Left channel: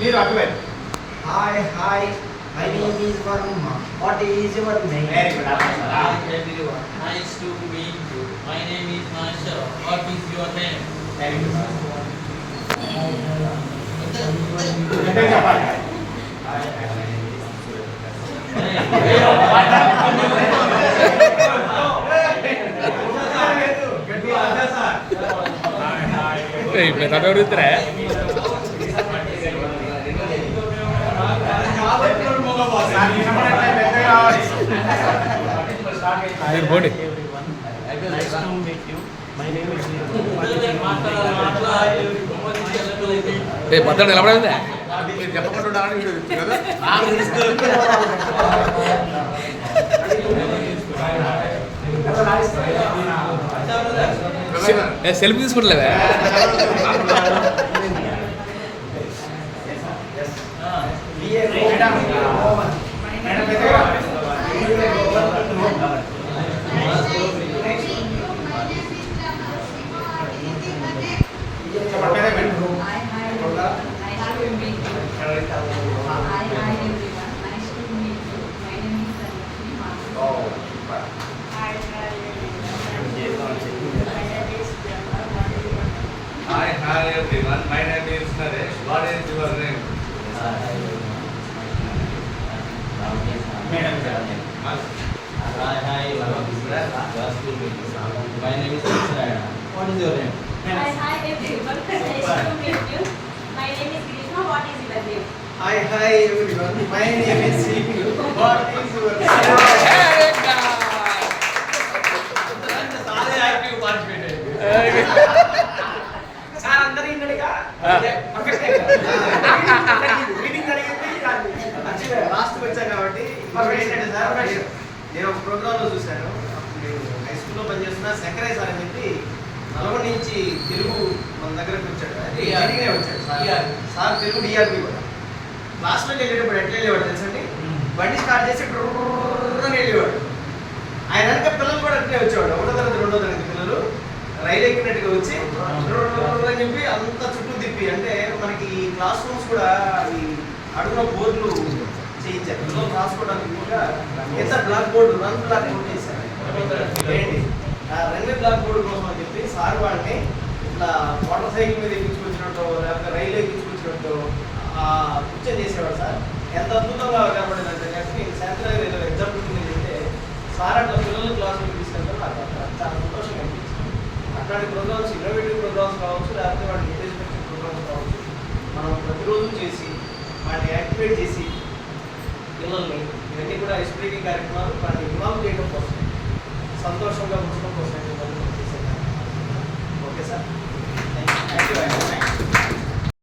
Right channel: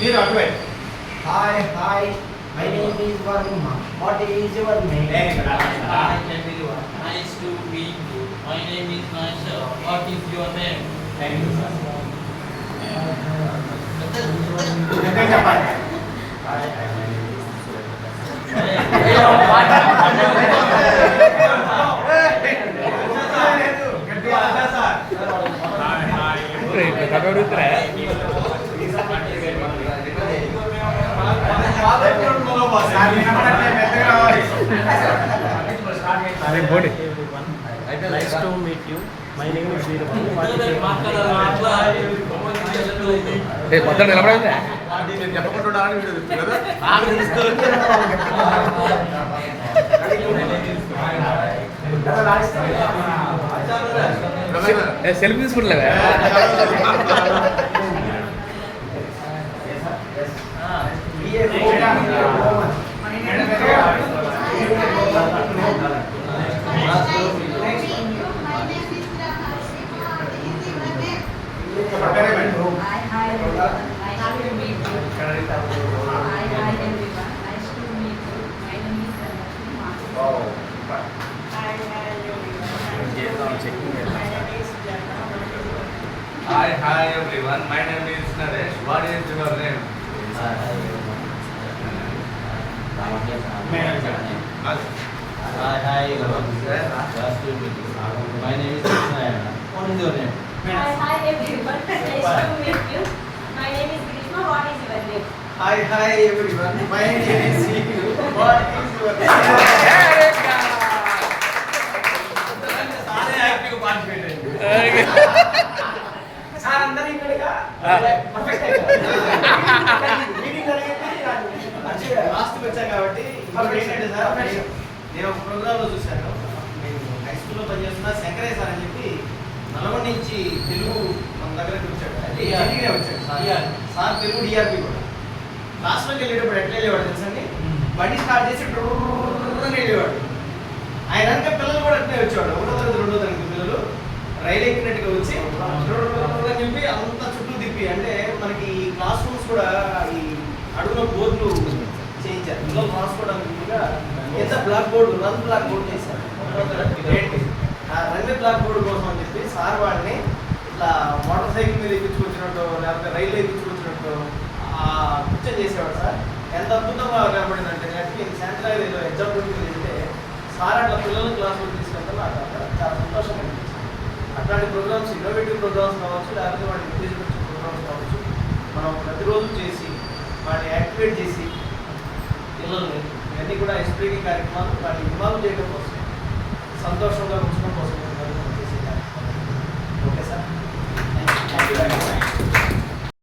మీరు అటువైపు. Hi, hi. My name is Varma. What is your name? Very good. Nice to meet you. My name is Nashara. What is your name? Very good. గట్టిగా చెప్పాలి. Nice to meet you. My name is పద్దెనిమిది నిలబడిందా selfie తీసుకుంటలేదా Hi everyone, my name is Naresh. What is your name? Hi everyone. Nice to meet you. My name is Krishna. What is your name? Hi everyone. Nice to meet you. My name is Grishma. What is your name? Hi, everyone. My name is Siku. What is your name? Sir అందరూ ఇక్కడిగా last వచ్చాను కాబట్టి ఇప్పుడు ఏంటంటే sir నేను ఒక ప్రోగ్రాంలో చూశాను. నేను హై స్కూల్లో పనిచేస్తున్నా శంకరయ్య సార్ అని చెప్పి నల్గొండ నుంచి తెలుగు మన దగ్గరకు వచ్చాడు. ఇంజనీరింగ్ వచ్చాడు సార్ తెలుగు డిఆర్పి కూడా. క్లాస్లోకి వెళ్ళేటప్పుడు ఎట్లా వెళ్ళేవాడు తెలుసండి, బండి స్టార్ట్ చేసి అని వెళ్ళేవాడు. ఆయన వెనక పిల్లలు కూడా అట్లే వచ్చేవాడు. 1వ తరగతి 2వ తరగతి పిల్లలు రైలు ఎక్కినట్టుగా వచ్చి అని చెప్పి అంత చుట్టూ తిప్పి, అంటే మనకి క్లాస్ రూమ్స్ కూడా అవి అడుగున బోర్డులు చేయించారు. పిల్లలు రాసుకోవడానికి ఎంత బ్లాక్ బోర్డు, రన్ బ్లాక్ బోర్డు చేశారు. ఏంటి ఆ రన్ బ్లాక్ బోర్డు కోసం అని చెప్పి సార్ వాళ్ళని ఇట్లా మోటార్ సైకిల్ మీద ఎక్కించుకొచ్చినట్టు లేకపోతే రైలు ఎక్కించుకొచ్చినట్టు కూర్చొని చేసేవాడు సార్. ఎంత అద్భుతంగా కనబడింది అంటే సాయంత్రం ఏదో ఎగ్జాంపుల్ వెళ్తే సార్ అట్లా పిల్లలు క్లాసులో తీసుకెళ్తే నాకు చాలా సంతోషం అనిపించింది. అట్లాంటి ప్రోగ్రామ్స్, ఇన్నోవేటివ్ ప్రోగ్రామ్స్ కావచ్చు, లేకపోతే వాటి ఎంకరేజ్మెంట్ ప్రోగ్రామ్స్ కావచ్చు, మనం ప్రతిరోజు చేసి వాటిని యాక్టివేట్ చేసి పిల్లల్ని ఇవన్నీ కూడా ఎస్పీటీ కార్యక్రమాలు వాటిని ఇన్వాల్వ్ చేయడం కోసం, సంతోషంగా ఉంచడం కోసం